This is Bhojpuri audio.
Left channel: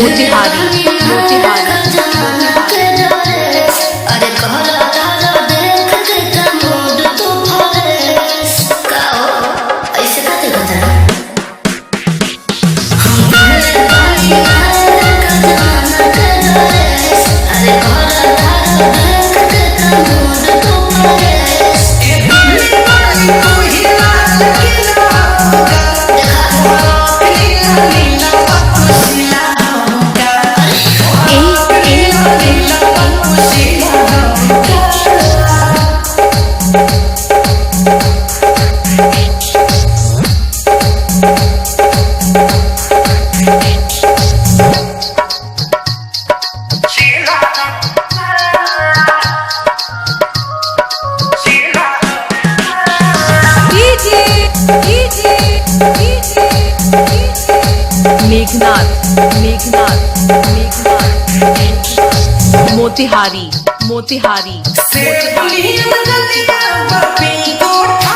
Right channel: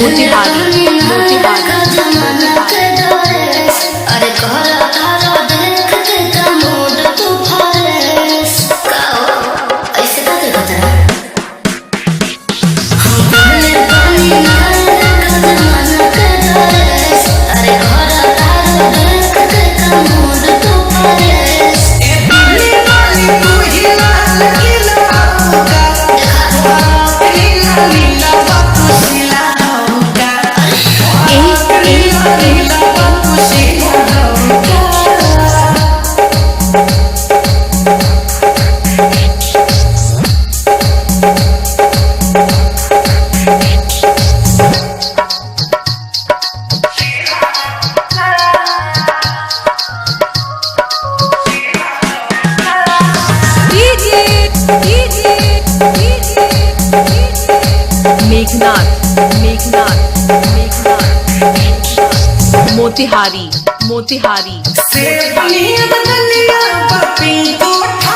मोतिहारी मोतिहारी जमाना के डरे अरे कहरा तारा देख के कमोड तू फरेस का हो ऐसे का देखा तारा हम पहले पानी नहाए का जमाना के डरे अरे कहरा तारा देख के कमोड तू फरेस ए दिल्ली वाली तू ही लाल किला होगा देखा भारत नीला नीला बकुशिला होगा भारत नीला नीला बकुशिला होगा मेघनाथ मेघनाथ मेघनाथ मोतिहारी मोतिहारी से बनियन गलिया बपी कोठा